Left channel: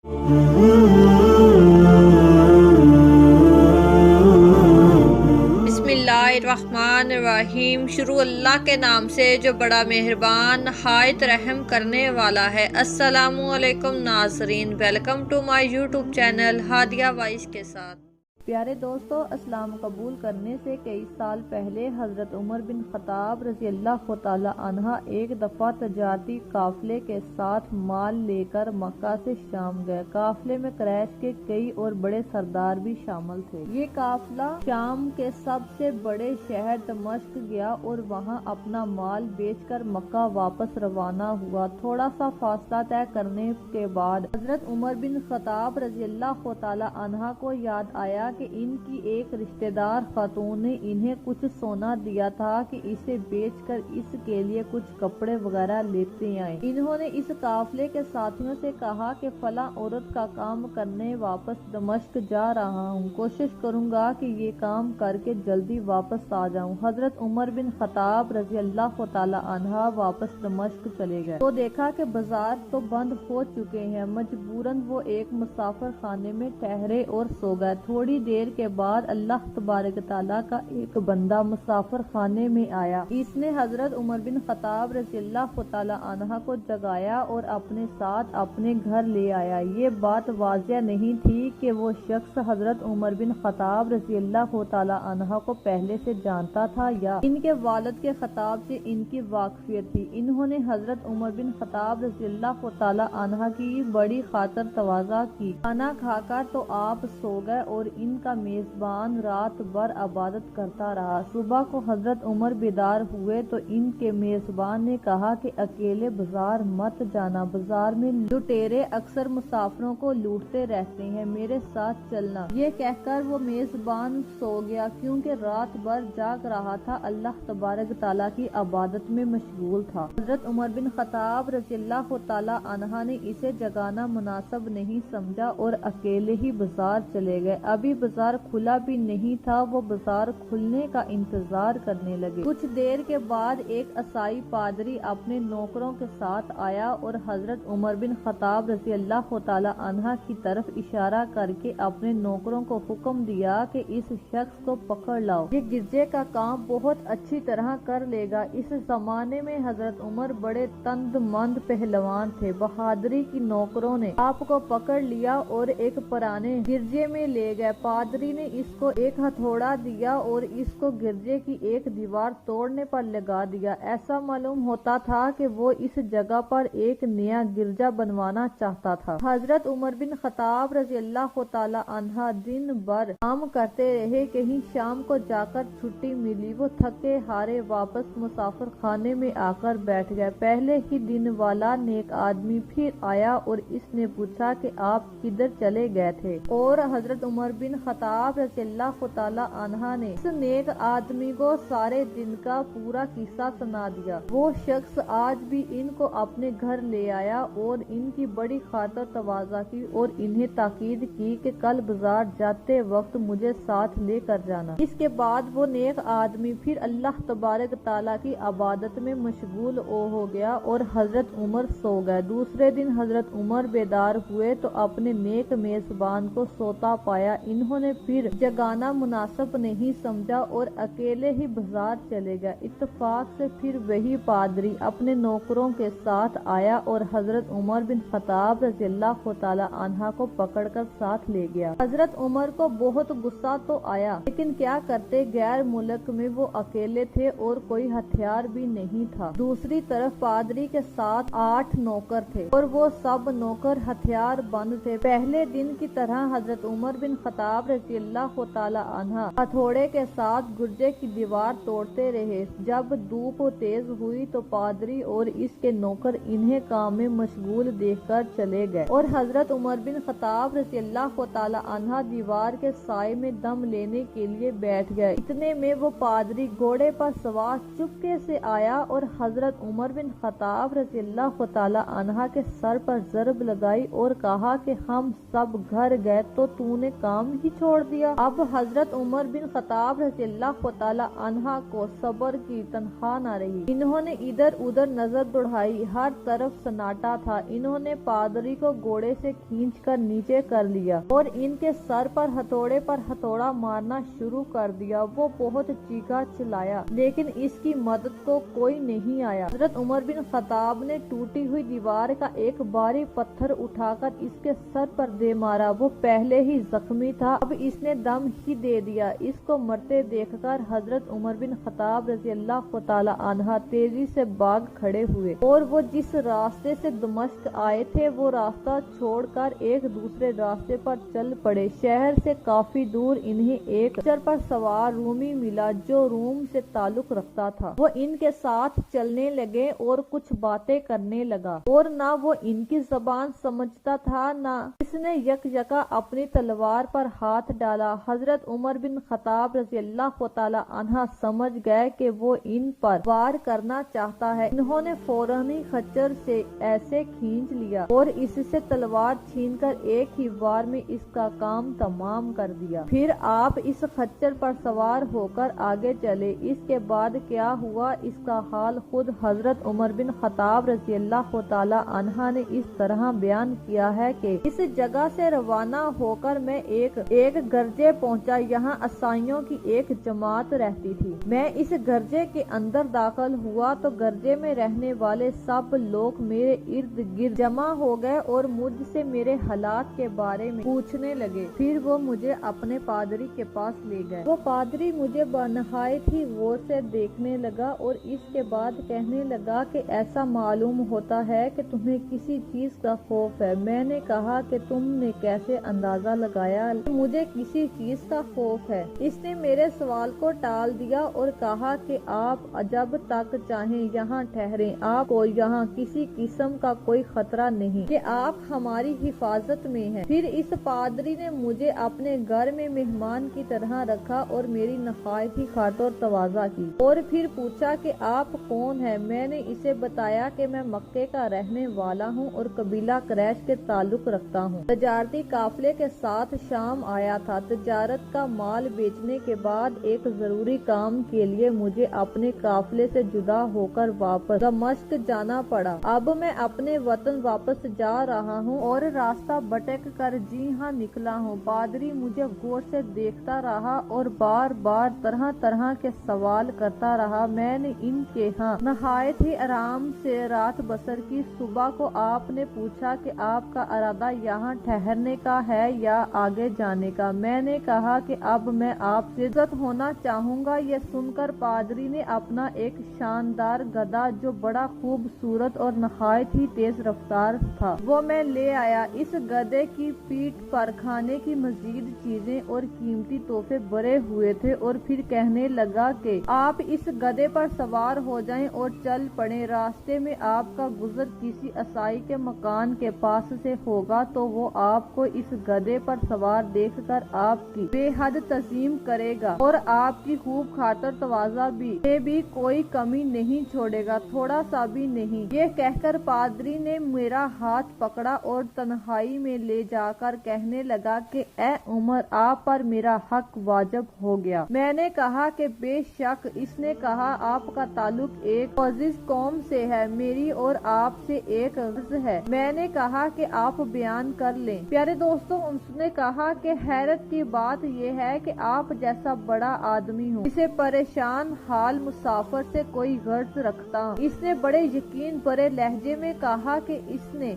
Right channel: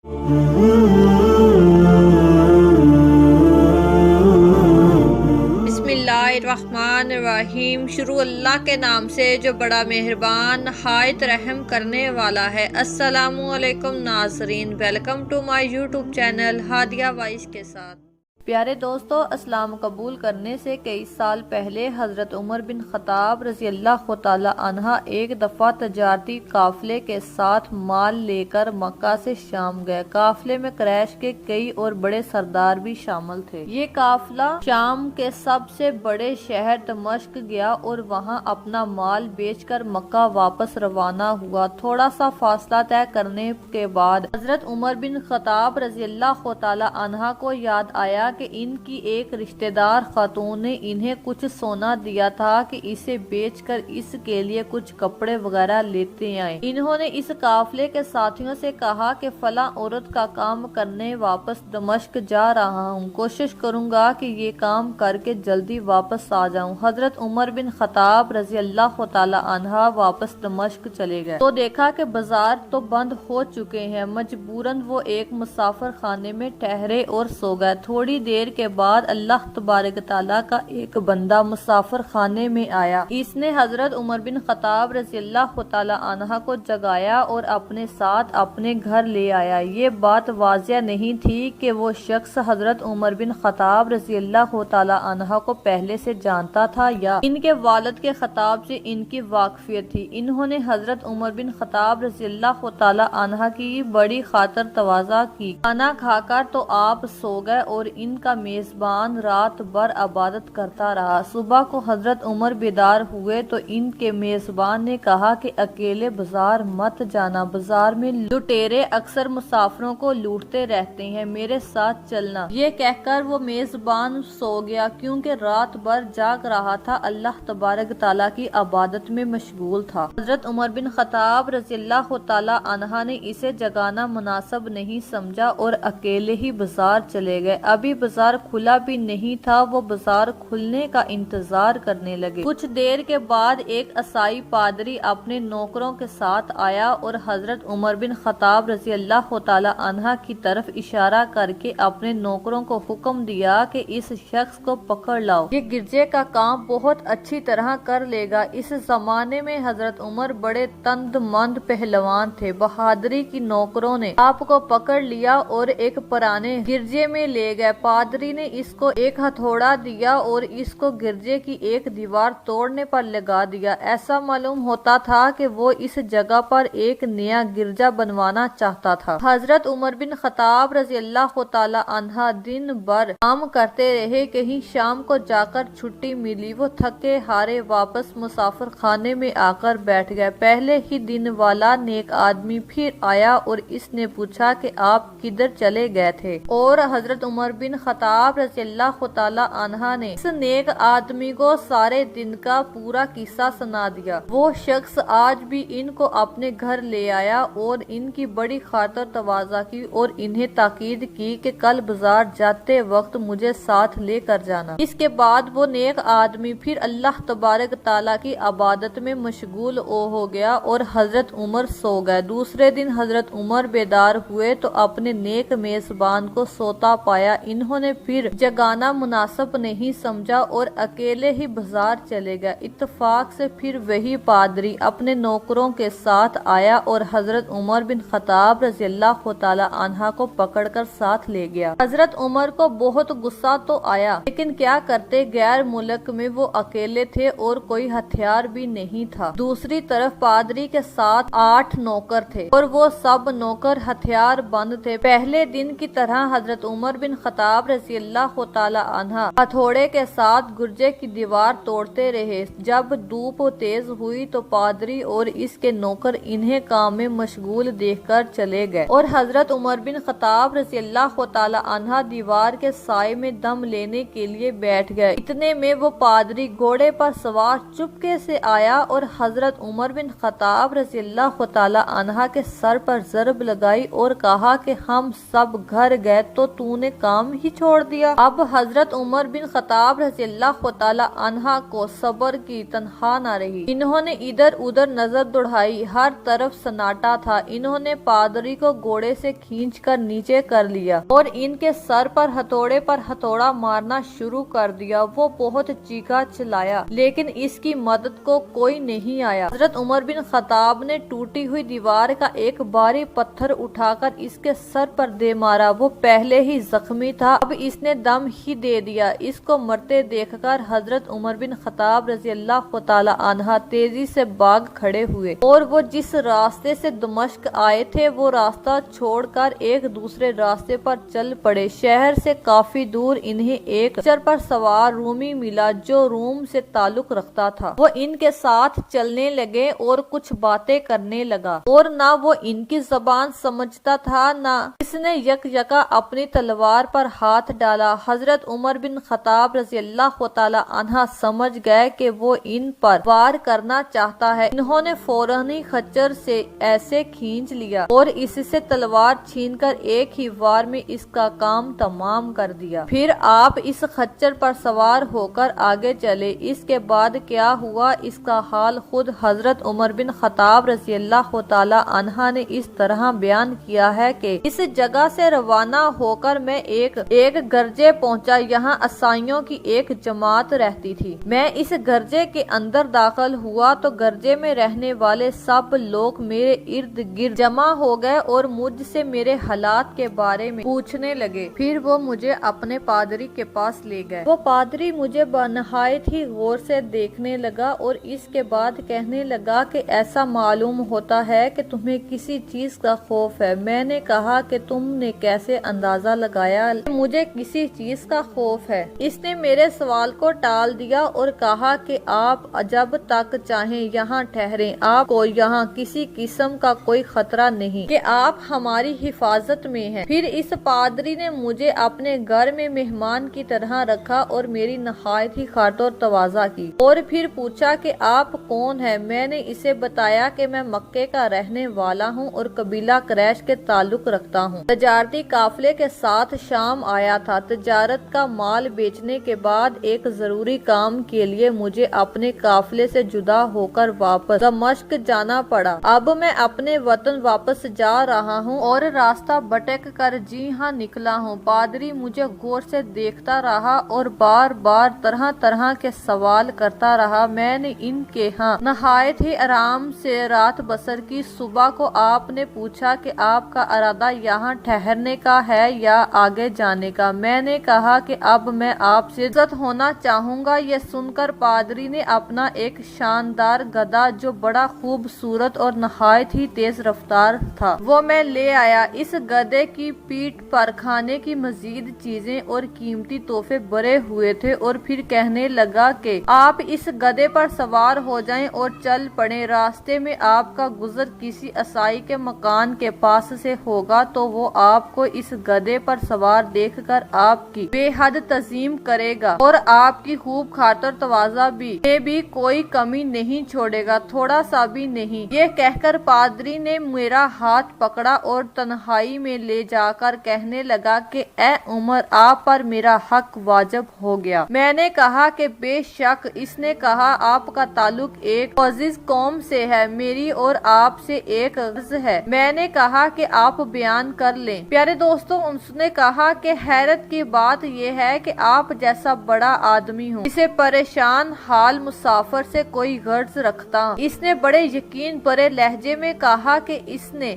बिस्मिल्लाहिर्रहमानिर्रहीम। शुरू अल्लाह के नाम से जो बड़ा मेहरबान नहायत रहम करने वाला है। अस्सलामु अलैकुम नाज़रीन, welcome to my YouTube channel Hadiya voice के साथ। प्यारे दोस्तों, इस्लाम कबूल करने से कई साल पहले हज़रत उमर बिन ख़त्ताब रज़ी अल्लाह तआला अन्हा एक दफ़ा तजारती काफ़िले के साथ माल लेकर मक्का से शाम गए। काफ़िले में कुरैश के कई और बड़े सरदार भी शामिल थे। ये काफ़िला शाम के सबसे बड़े शहर दमिश्क गया और वहाँ अपना माल बेचकर मक्का वापस रवाना हुआ। थोड़ा सा फासला तय करने के बाद हज़रत उमर बिन ख़त्ताब रज़ी अल्लाह तआला अन्हा को याद आया कि इनकी एक रिश्तेदार खातून ने इन्हें कुछ सोना दिया था कि इसे बेचकर इसके लिए कुछ कपड़े वगैरह लेते आए। इन्होंने इस काफिले के साथियों से कहा कि फला औरत का काम करने वापस दमिश्क जा रहा हूँ, कोशिश करूंगा कि ये काम करके जल्दी वापस आ जाऊं। हजरत उमर बिन ख़त्ताब रज़ी अल्लाह तआला अन्हा वापस दमिश्क चले गए तो देखा कि बाजार तो बंद हो चुके हैं। मजबूरन वो एक मुसाफिर खाने में ठहरे और सो गए। थोड़ी देर के बाद अल्लाह तबारक तआला का एक बंदा मुसाफिर खाने में आया। इसने हजरत उमर बिन ख़त्ताब रज़ी अल्लाह तआला अन्हा को जगाया और अपने साथ अपने घर ले आया। ये बात वाज़िया नहीं थी कि वो शख्स हजरत उमर बिन ख़त्ताब रज़ी अल्लाह तआला अन्हा को पहले से जानता था या इनके वालिद के खिताब से इनकी वाकफियत थी। इन्होंने हजरत उमर बिन ख़त्ताब रज़ी अल्लाह तआला अन्हा की बड़ी खातर तवाज़ा की। खाना खाकर तो आप सो गए और इनका मेजबान रात भर इबादत करता रहा। सुबह को हजरत उमर बेदार हुए तो इनके मेजबान ने कहा कि अकेले बाजार मत जाना, बाजार में लुटेरे अक्सर मुसाफिरों को लूटते रहते हैं, मेरे साथ चलना। ये कहकर वो मेजबान सो गया क्योंकि रात भर जाग रहा था, अल्लाह तबारक तआला की इबादत में मशगूल था। हजरत उमर बिन ख़त्ताब रज़ी अल्लाह तआला अन्हा ने इसे जगाना मुनासिब नहीं समझा और अकेले ही बाजार चले गए। अभी बाजार खुला भी नहीं था, वो बाजार खुलने का इंतजार करने लगे। कुछ देर के बाद एक ईसाई पादरी अपने नौकरों के साथ आया और हजरत उमर बिन ख़त्ताब रज़ी अल्लाह तआला अन्हा की तरफ इशारा करके अपने नौकरों को हुक्म दिया कि इस शख्स को पकड़ लाओ, ये गिरजे का काम बहुत अच्छी तरह कर लेगा। इस जमाने में हजरत उमर बड़े तंदमंद पहलवान थे। बहादुरी की नौकरों ने आपको पकड़ लिया और एक पुराने गिरजे में ले गए। पादरी ने इसको एक हथौड़ा दिया और इसको गिरजे की एक दीवार तोड़ने पर लगा दिया। ऐसा मालूम होता था कि वो इस जगह पर एक नया गिरजा बनवाना चाहता था। हजरत उमर बिन ख़त्ताब रज़ी अल्लाह तआला अन्हा दिन भर काम करते रहे। कहीं शाम को जाकर छुट्टी मिली, वो थके हारे वापस मुसाफिर खाने में आकर बैठ गए। पहले ही दिन वाला नेक आदमी फिर आया और इसने पूछा कि आप किधर चले गए थे, और हजरत उमर बिन ख़त्ताब रज़ी अल्लाह तआला अन्हा ने इस नेक आदमी को सारे दिन का पूरा किस्सा सुना दिया। वो शख्स आज भी इनको अपने घर ले आया और इनकी बड़ी खातर तवाज़ा की और इन्हें ताकीद की कि कल बाजार जाते वक्त मुझे साथ लेकर जाना। इसके बाद वो नेक आदमी फिर अल्लाह तबारक तआला की इबादत में मशगूल हो गया और हजरत उमर सो गए। दूसरे दिन हजरत उमर बेदार हुए तो अपने नेक मेजबान को सोता पाया। इन्होंने फिर जगाना मुनासिब नहीं समझा और अकेले ही बाजार चले गए। इत्तेफाक से फिर वही पादरी अपने नौकरों के साथ आया और हजरत उमर बिन ख़त्ताब रज़ी अल्लाह तआला अन्हा को पकड़कर साथ ले गया। हजरत उमर को बहुत गुस्सा तो आया, लेकिन क्या करते, गैर मुल्क में वो अकेले थे और कोई हथियार भी नहीं था। दूसरी तरफ पादरी के साथ 8 नौकर थे और वो सब नौकर हथियार बंद थे। पहले दिन की तरह हजरत उमर बिन ख़त्ताब रज़ी अल्लाह तआला अन्हा हथौड़े के साथ गुर्जे की दीवार तोड़ते रहे। जब धूप तेज हुई तो पादरी और इसके नौकर इन्हें काम में मशगूल देखकर चले गए और हजरत उमर बिन ख़त्ताब रज़ी अल्लाह तआला अन्हा दीवार के साए में दम लेने के लिए बैठ गए। इतने में वो पादरी घोड़े पर सवार चुपके से आया और हजरत उमर बिन ख़त्ताब रज़ी अल्लाह तआला अन्हा के सर पर ज़रब लगाई और कहा कि हम सब घर गए तो तूने काम ही ही छोड़ दिया। अब हजरत उमर बिन खत्ताब रज़ी अल्लाह तआला अन्हा को सब्र की तनहा न रही। इन्होंने इधर उधर नजर दौड़ाई, हर तरफ सन्नाटा था। इन्होंने पादरी को घोड़े से खींचकर नीचे कर लिया और इनके सर पर हथौड़ा मारना शुरू कर दिया। वो बहुत चीखा चिल्लाया, लेकिन इसकी मदद को कोई नहीं आया। हजरत उमर बिन खत्ताब ने टूटी हुई दीवार का एक भारी पत्थर उठाकर इसके सर पर दे मारा। वो पहले ही जख्मी था, अब इसने दम ही दे दिया। इसको मरते देखकर हजरत उमर बिन खत्ताब रज़ी अल्लाह तआला अन्हा तेजी से भाग खड़े हुए और वो जिस रास्ते से दमिश्क आए थे वो रास्ता छोड़कर एक दूसरे रास्ते पर चल पड़े। शहर से काफी दूर इन्हें एक खच्चर पर सवार रूमी मिला जो रूम से ताल्लुक रखता था। वो इनके साथ चलने लगे और कुछ बातें करने लगा और ना वो इनकी जबान समझता था, ना इसने यकयका अपनी तलवार पर हाथ डाला। हजरत उमर बिन खत्ताब रज़ी अल्लाह तआला अन्हा समझ गए कि वो इन पर वार करना चाहता है। इन्होंने फौरन ही खच्चर से ऐसे खींच लिया और इससे तलवार छीनकर एक ही वार में इसका काम तमाम कर दिया। फिर आप इस खच्चर पर सवार होकर आगे चले। इसके बाद क्या हुआ इसका हाल खुद हजरत उमर बिन खत्ताब रज़ी अल्लाह तआला अन्हा ने इस तरह बयान किया है कि इस जगह से रवाना होकर मैं एक गर्जे पहुंचा। यहाँ ईसाइयों की एक जमात रहती थी। मैं इस गर्जे के अंदर दाखिल हुआ तो गर्जे में रहने वाले सब लोग मेरे इर्द गिर्द जमा हो गए और मुझसे मेरे हालात के बारे में पूछने लगे। फिर वो मुझे अपने पादरी के पास ले गए। वो पादरी मुझे नहायत ही गौर से देखने लगा और इसके बाद कहने लगा कि ऐसा मालूम होता है कि तुम्हें किसी चीज का खौफ है। मैंने कहा कि तुमने कैसे अंदाजा लगाया मुझे किसी चीज का खौफ है। इसने मेरे सवाल को टाल दिया और कहा कि आप जब तक चाहें यहाँ ठहरें, आपको यहाँ किसी किस्म का कोई खतरा नहीं कि आप हमारी हिफाजत में हैं। फिर इस पादरी ने मुझे अपने घर में मेहमान की तरह रखा और मेरी नहायत ही खातिर तवाज़ा की और फिर पूछा कि आप कौन हैं। मैंने इसे बताया कि मैं मक्के का रहने वाला हूँ और कबीला कुरैश के ताल्लुक रखता हूँ। तजारती काफिले के साथ शाम आया था। तजारत का माल बेचने के बाद एक जरूरी काम के लिए मुझे अपने काफिले से जुदा होकर वापस दमिश्क जाना पड़ा। अब मैं अपने वतन वापस जा रहा हूँ और रास्ता भटक कर जी हाँ निकला हूँ। पादरी मुझे गौर से देखता रहा और बार बार तरह तरह के सवाल करता रहा। मैंने इनके यहाँ नहायत ही आराम से रात बसर की। सुबह को आपने पूछा कि आपका इरादा यहाँ ठहरने का है या आगे जाने का। मैंने कहा कि अब मैं आपसे इज्जत होना चाहूँगा। ये सुनकर पादरी ने अपना एक शानदार गधा जो बड़ा खूबसूरत और नहायत ही तेज रफ्तार था वो मैं ले आया। इस गधे की पीठ पर खाने की मजीद चीजें और कीमती तोहफे भरे हुए थे और फिर कहने लगा कि आप इस गधे पर सवार हो जाएं और चल पड़े। रास्ते में आपका गुजर किसी ईसाई के मकान के पास से होगा तो वो आपको इस गधे पर सवार देखकर आपकी बेहद तज़ीम करेगा और आपकी खूब खातर तवाज़ा भी कोई कमी नहीं छोड़ेगा, थोड़ा सा भी नहीं। ये कहकर पादरी ने मेरा हाथ पकड़ा और तन्हाई में ले जाकर कहने लगा कि ए उमर, आप पर मेरा हक वाजिब हो गया। मैंने कहा कि बेशक। इसने कहा आपका ताल्लुक एक अजीज कौम से है, मेरी और आपसे एक अर्ज है। मैंने कहा कि आप बयान कर लें। प्यारे दोस्तों, उसने कहा कि हैरत की बात यह है कि आप जैसा बड़ा आदमी हूँ इसे परेशान हाल मुसाफिर से कोई गर्ज रखता। इसने बड़े यकीन भरे लहजे में कहा कि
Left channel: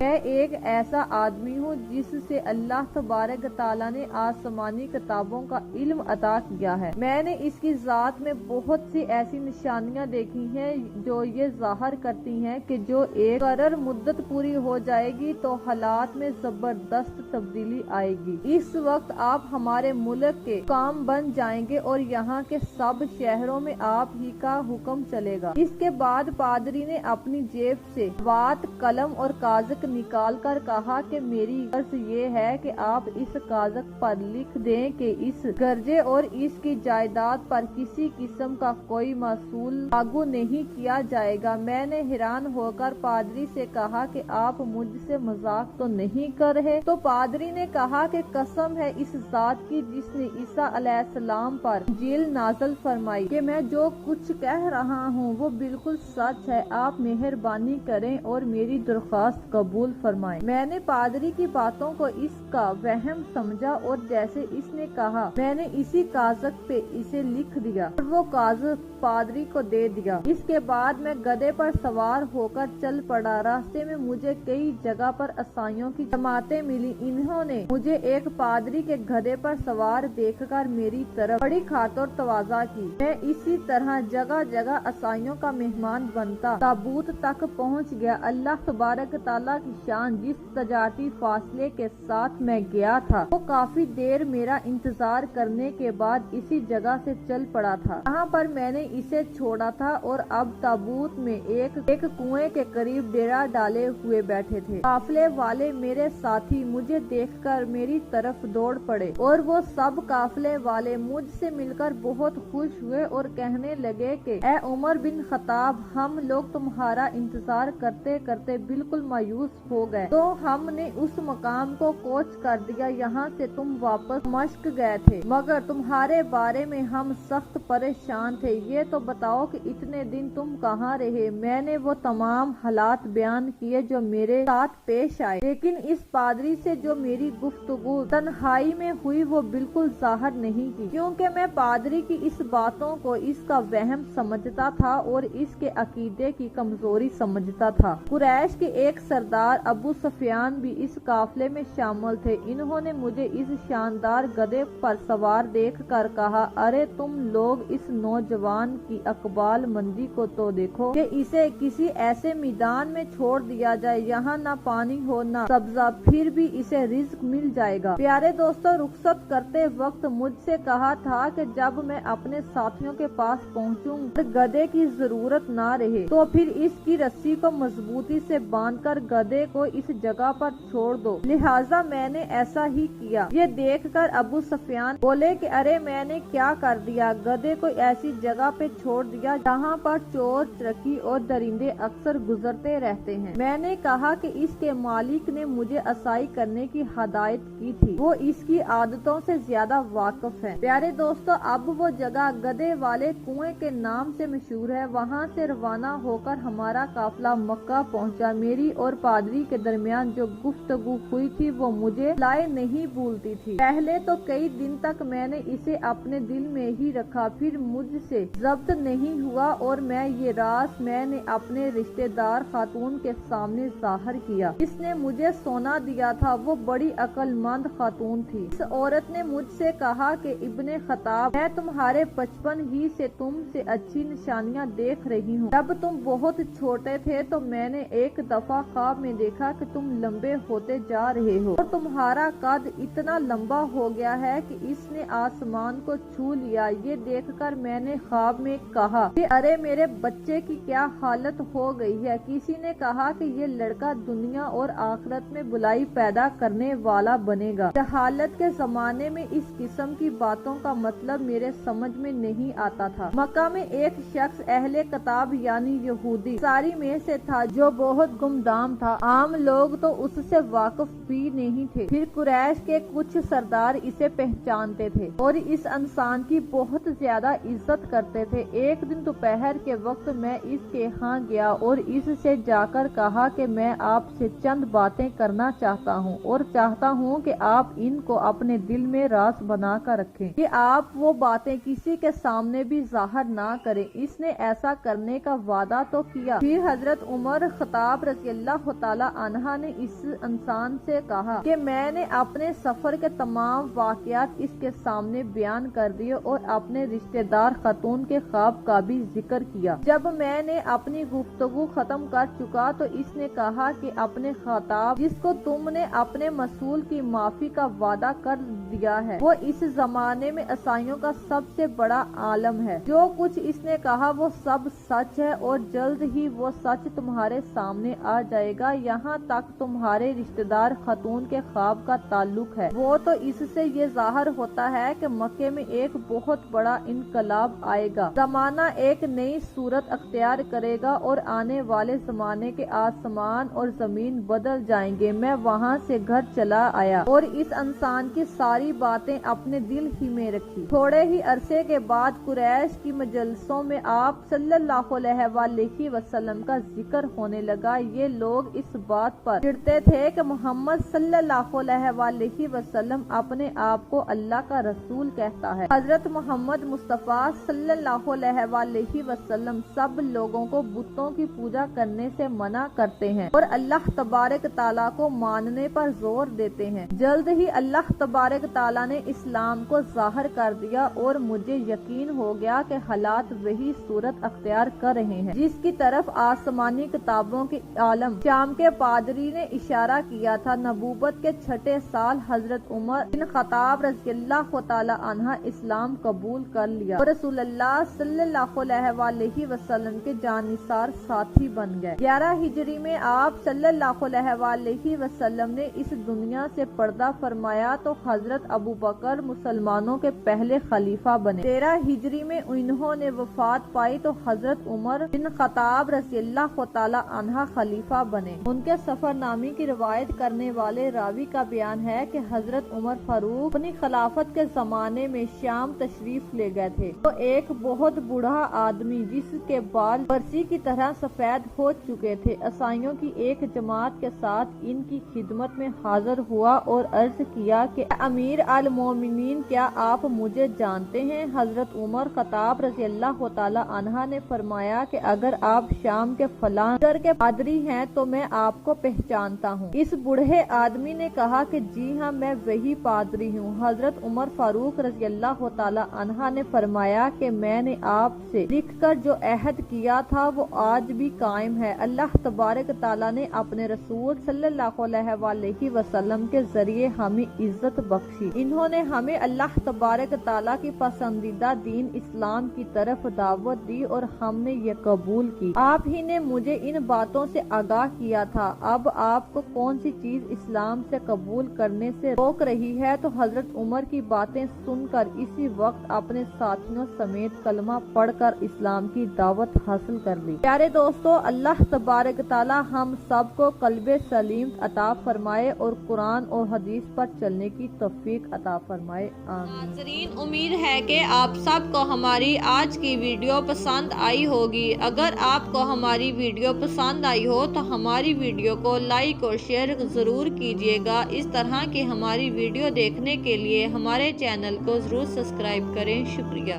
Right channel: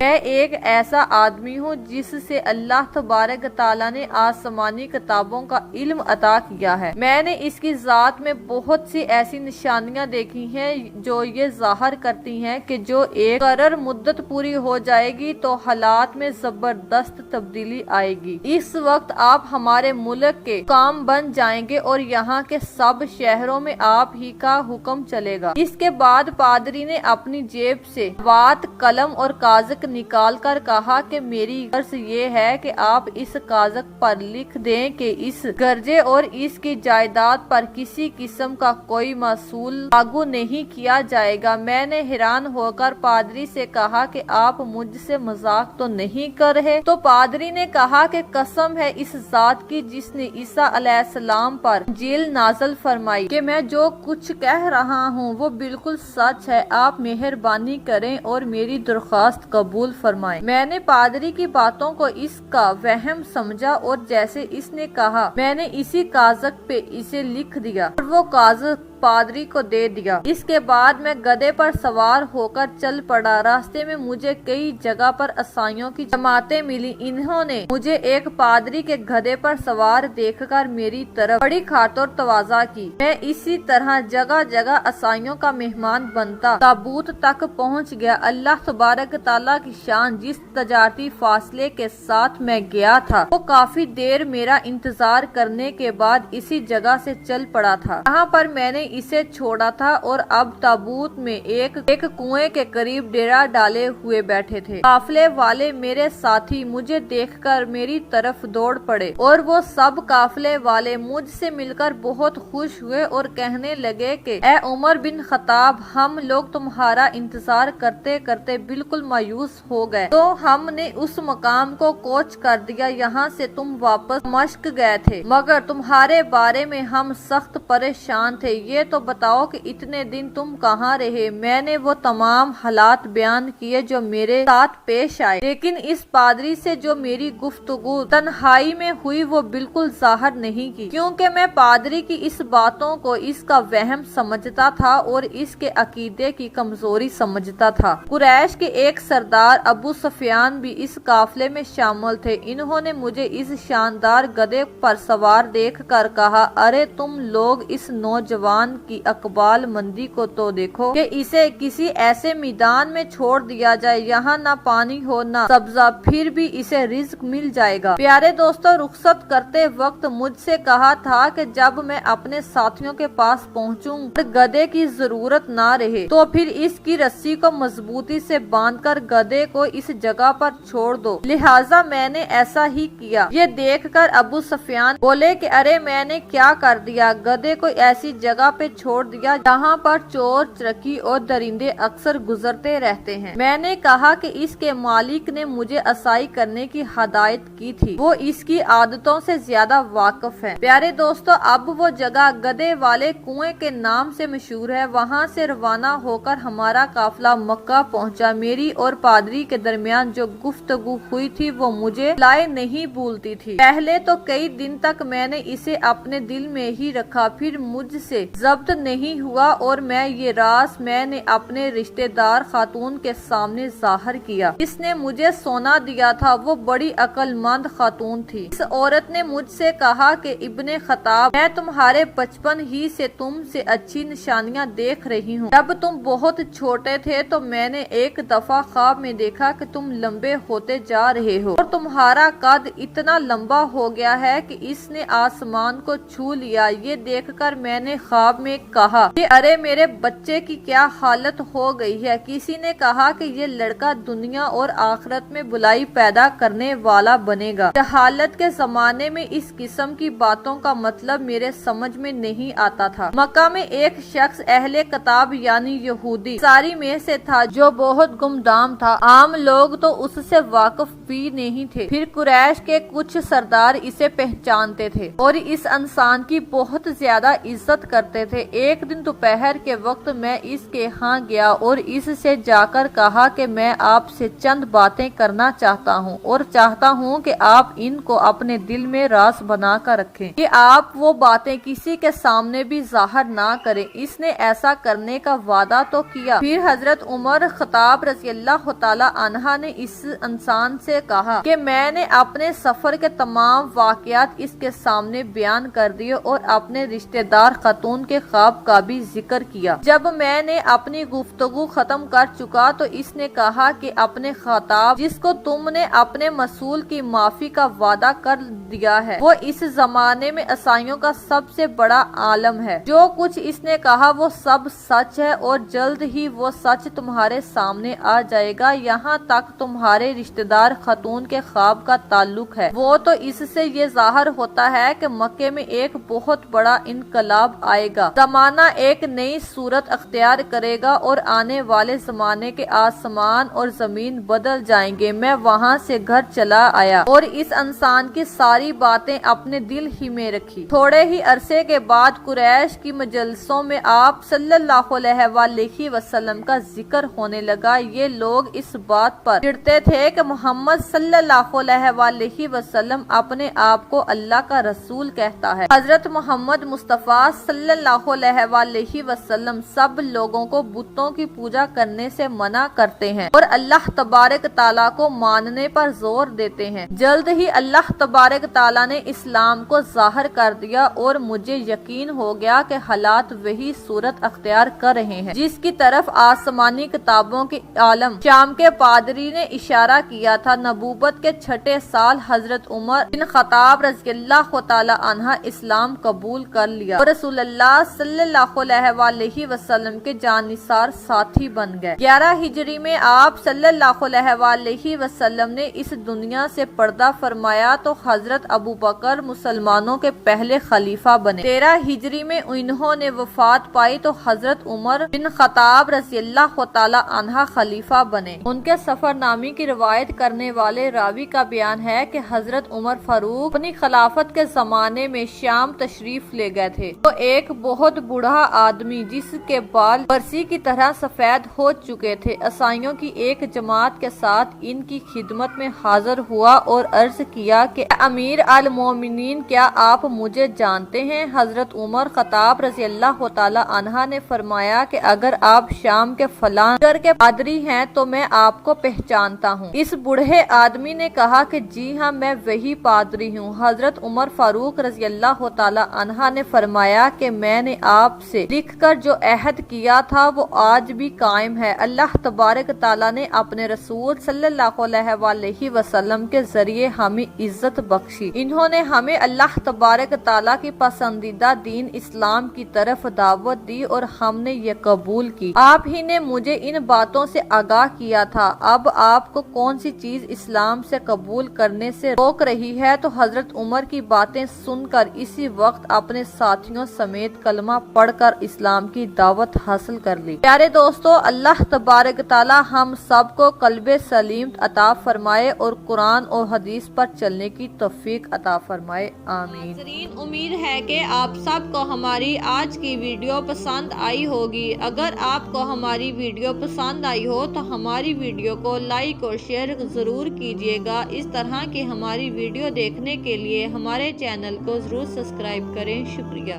मैं एक ऐसा आदमी हूँ जिससे अल्लाह तबारक तआला ने आसमानी किताबों का इल्म अता किया है। मैंने इसकी जात में बहुत सी ऐसी निशानियाँ देखी हैं जो ये जाहिर करती हैं कि जो एक मुकर्रर मुद्दत पूरी हो जाएगी तो हालात में जबरदस्त तब्दीली आएगी। इस वक्त आप हमारे मुल्क के काम बन जाएंगे और यहाँ के सब शहरों में आप ही का हुक्म चलेगा। इसके बाद पादरी ने अपनी जेब से बात कलम और कागज निकाल कर कहा कि मेरी अर्ज ये है कि आप इस कागज पर लिख दें कि इस गर्जे और इसकी जायदाद पर किसी किस्म का कोई मासूल लागू नहीं किया जाएगा। मैंने हैरान होकर पादरी से कहा कि आप मुझसे मजाक तो नहीं कर रहे? तो पादरी ने कहा कि कसम है ہے اس ذات کی جس نے عیسیٰ علیہ السلام پر انجیل نازل فرمائی کہ میں جو کچھ کہہ رہا ہوں وہ بالکل سچ ہے، آپ مہربانی کریں اور میری درخواست قبول فرمائیں۔ میں نے پادری کی باتوں کو اس کا وہم سمجھا اور جیسے اس نے کہا میں نے اسی کاغذ پہ اسے لکھ دیا اور وہ کاغذ پادری کو دے دیا۔ اس کے بعد میں گدھے پر سوار ہو کر چل پڑا۔ راستے میں مجھے کئی جگہ پر عیسائیوں کی جماعتیں ملی۔ انہوں نے مجھے ایک پادری کے گدھے پر سوار دیکھ کر میری طرف بڑی خاطر تواضع کی۔ میں اسی طرح جگہ جگہ عیسائیوں کا مہمان بنتا تابوت تک پہنچ گیا۔ اللہ تبارک تعالیٰ کی شان، جس تجارتی فاصلے کے ساتھ میں گیا تھا وہ کافی دیر میرا انتظار کرنے کے بعد اسی جگہ سے چل پڑا تھا جہاں پر میں نے اسے چھوڑا تھا، اور اب تابوت میں ایک کنویں کے قریب ڈیرا ڈالے ہوئے بیٹھے تھے۔ قافلے والے میرے ساتھی مجھے دیکھ کر میری طرف دوڑ پڑے اور وہ سب قافلے والے مجھ سے مل کر بہت خوش ہوئے اور کہنے لگے کہ اے عمر بن خطاب، ہم لوگ تمہارا انتظار کرتے کرتے بالکل مایوس ہو گئے، تو ہم نے اس مقام کو کوچ کر دیا یہاں سے تم واپس دمشق گئے تھے، مگر تمہارے بارے میں ہم سخت پریشان تھے۔ یہ تو بتاؤ کہ اتنے دن تم کہاں رہے؟ میں نے وہ تمام حالات بیان کیے جو میرے ساتھ پیش آئے، لیکن اس پادری سے جو میری گفتگو تنہائی میں ہوئی وہ بالکل ظاہر نہیں کی، کیونکہ میں پادری کی اس باتوں کو اس کا وہم سمجھتا تھا اور اس کے عقیدے کی کمزوری سمجھتا تھا۔ قریش کے ایک سردار ابو سفیان بھی اس قافلے میں شامل تھے۔ انہوں نے مجھے اس شاندار گدھے پر سوار دیکھ کر کہا، ارے تم لوگ اس نوجوان کی اقبال مندی کو تو دیکھو کہ اسے کسی ایسے میدان میں چھوڑ دیا جائے یہاں نہ پانی ہو نہ سبزہ، پھر بھی اسے رزق مل جائے گا۔ پیارے دوستو، رخصت کرتے وقت مجھ سے کہا تھا کہ جب میں اپنے ساتھیوں کے پاس پہنچوں گدھے کی ضرورت نہ رہے تو پھر اس کی رسی کو مضبوطی سے باندھ کر گدھے کو اس جگہ پر چھوڑ دو، لہٰذا میں نے ایسا ہی کیا۔ یہ دیکھ کر ابو سفیان بولے کہ ارے میں نے کیا کر دیا؟ گدھے کو ایسی جگہ پہ چھوڑ دیا جہاں پر چور چرکی اور درندے اکثر گزرتے رہتے ہیں۔ میں نے کہا کہ اس کے مالک نے مجھے عصائی کرنے کی ہدایت کی تھی، وہ اس کی عادتوں سے زیادہ واقف ہے۔ پیارے دوستو، اب وہ جگہ گدھے والے کنویں کے نام سے مشہور ہے۔ وہاں سے روانہ ہو کر ہمارا قافلہ مکہ پہنچا۔ میری اور پادری کے درمیان جو گفتگو ہوئی تھی وہ مجھے لائے نہیں بھولتی تھی۔ پہلے تو کئی دن تک میں نے اسے اپنے دل میں ہی رکھا، پھر مجھ سے ضبط نہیں ہوا اور میں یہ راز میں نے اپنے رشتہ دار خاتون کے سامنے ظاہر کیا جس نے مجھے سونا دیا تھا۔ وہ بڑی عقل مند خاتون تھی۔ اس عورت نے مجھ سے کہا کہ ابن خطاب، میں تمہارے بچپن ہی سے تم سے اچھی نشانیاں دیکھ رہی ہوں۔ جب تم بہت چھوٹے تھے تو میں نے ایک دفعہ خواب میں دیکھا کہ تم لمبے ہوتے جا رہے ہو اور تمہارا قد اتنا لمبا ہو گیا ہے کہ اس نے آسمان کو چھو لیا۔ یہ دیکھ کر میں نے خواب میں کہا کہ ارے میرے بچے کی کیا حالت ہو گئی ہے۔ کسی نے کہا کہ یہ لڑکا دنیا اور آخرت میں بلائی پیدا کرنے والا بنے گا۔ جہالت کے زمانے میں اس قسم کی باتوں کا مطلب میرے سمجھ میں نہیں آتا تھا۔ مکہ میں ایک شخص اہل کتاب یعنی یہودی ساری میں سے تھا جو بہت گمنام تھا، عام لوگ تو اس سے واقف بھی نہیں تھے، پھر قریش کے کچھ سردار اسے پہچانتے تھے اور اس انسان کی بہت زیادہ عزت کرتے تھے۔ ایک دن دوپہر کے وقت میں اس کے ہاں گیا اور اس سے جا کر کہا کہ میں آپ سے چند باتیں کرنا چاہتا ہوں اور چاہتا ہوں کہ آپ ان کو اپنے دل میں راز بنا کر رکھیں کہ آپ وہ باتیں کسی کے سامنے بھی ظاہر نہ کریں۔ اس نے ایسا کرنے کا وعدہ تو کیا۔ پھر حضرت عمر خطاب رضی اللہ تعالی عنہ نے اس انسان سے کہا کہ میں نے اپنے سفر کے تمام واقعات اس کے سامنے بیان کر دیے اور اپنے رشتہ دار خاتون کے خواب کا بھی ذکر کیا۔ جب میں نے اپنی گفتگو ختم کر چکا تو اس نے کہا کہ اپنے خطاب جس کو تم نے اپنے مسئول کی معافی کا وعدہ کر دیا ہے وہ اس زمانے میں عیسائیوں کا سب سے بڑا عالم ہے۔ جو کچھ اس نے کہا وہ سب سچ ہے اور جلد ہی وہ سچ تمہارے سامنے آ جائے گا۔ یہاں تک تمہارے رشتہ دار خاتون کے خواب کا تعلق ہے، وہ تو اس سے یہ ظاہر ہوتا ہے کہ مکے میں ایک بہت بڑا انقلاب آئے گا، زمانہ ایک نئی صورت اختیار کرے گا اور آنے والے زمانے کے آسمان اور زمین بدل جائیں گے۔ میں وہاں سے گھر چلا آیا اور اس انسان کی ساری ساری باتیں اپنے دل ہی میں رکھی۔ تھوڑے ہی عرصے کے بعد قریش کی مجلسوں میں آپ صلی اللہ علیہ وآلہ وسلم کا ذکر ہونے لگا۔ یہ لوگ اس بات پر چڑھتے تھے کہ محمد صلی اللہ علیہ وآلہ وسلم اپنے آپ کو اللہ کا رسول کہتا ہے۔ حضرت محمد مصطفیٰ صلی اللہ علیہ وآلہ وسلم سب لوگوں کو بتوں کی پوجا کرنے سے منع کرتے ہیں اور اللہ تبارک تعالیٰ کو ماننے پر زور دیتے ہیں۔ جلد ہی اللہ تبارک تعالیٰ نے اسلام کو ظاہر کر دیا اور مجھے یقین ہو گیا کہ حالات وہی صورت اختیار کر رہے ہیں جس کی طرف آسمانی کتابوں کے عالم شام کے پادری نے اشارہ کیا تھا۔ نبوت کے چھٹے سال حضرت عمر بن خطاب رضی اللہ تعالی عنہ اسلام قبول کر لیا اور رسول اللہ صلی اللہ علیہ وآلہ وسلم کے جانثار ساتھی بن گئے۔ 11 ہجری میں آپ صلی اللہ علیہ وآلہ وسلم نے اس دنیا سے پردہ فرمایا تو حضرت ابو بکر مسلمانوں کے پہلے خلیفہ بنے۔ 13 ہجری میں انہوں نے وفات پائی تو حضرت عمر بن خطاب رضی اللہ تعالی عنہ خلیفہ بنے۔ ان کے سفر نامے کی روایت کرنے والے راوی کا بیان ہے کہ حضرت عمر فاروق اپنی خلافت کے زمانے میں شام تشریف لے گئے تھے تو ایک بہت بوڑھا آدمی جس کے بال برسی کی طرح سفید ہو چکے تھے عیسائیوں کی ایک جماعت کے ساتھ ان کی خدمت میں حاضر ہوا اور عرض کیا کہ امیر المومنین کیا آپ مجھے جانتے ہیں؟ حضرت عمر خطاب رضی اللہ تعالی عنہ نے فرمایا کہ اگر آپ شام کے فلاں نگر کے پادری ہیں تو میں آپ کو پہچانتا ہوں۔ اس بوڑھے آدمی نے کہا کہ جی ہاں میں وہی پادری ہوں۔ حضرت عمر فاروق رضی اللہ تعالی عنہ نے فرمایا کہ میں نے آپ سے لکھ کر جو عہد کیا تھا وہ آج بھی قائم ہے۔ اللہ تبارک تعالیٰ نے اپنے رسول صلی اللہ علیہ وآلہ وسلم کے ذریعے ہمیں عزت بخشی۔ انہوں نے ہمیں اللہ تبارک تعالیٰ کی پسندیدہ دین اسلام کی طرف دعوت دی اور ہم نے یہ قبول کی۔ آپ ہی نے مجھے ان باتوں سے آگاہ کیا تھا۔ اب آپ کو کون سی چیز اسلام سے قبول کرنے سے روک رہی ہے؟ تو حضرت عمر کی باتیں سن کر اسی وقت اپنے ساتھیوں سمیت کلمہ پڑھ کر اسلام کی دعوت حاصل کر لی۔ پیارے دوستو، اللہ تبارک تعالی ہم سب کو قلب سلیم عطا فرمائے اور قرآن اور حدیث پر چلنے کی توفیق عطا فرمائے، آمین۔ ناظرین، امید ہے کہ آپ سب کو ہماری آج کی ویڈیو پسند آئی ہوگی۔ اگر آپ کو ہماری ویڈیو پسند آئی ہو تو ہماری ویڈیو کو لائک اور شیئر ضرور کیجیے گا۔ اس طرح کی ہماری ویڈیو دیکھنے کے لیے ہمارے چینل کو ضرور سبسکرائب کریں۔ شکریہ۔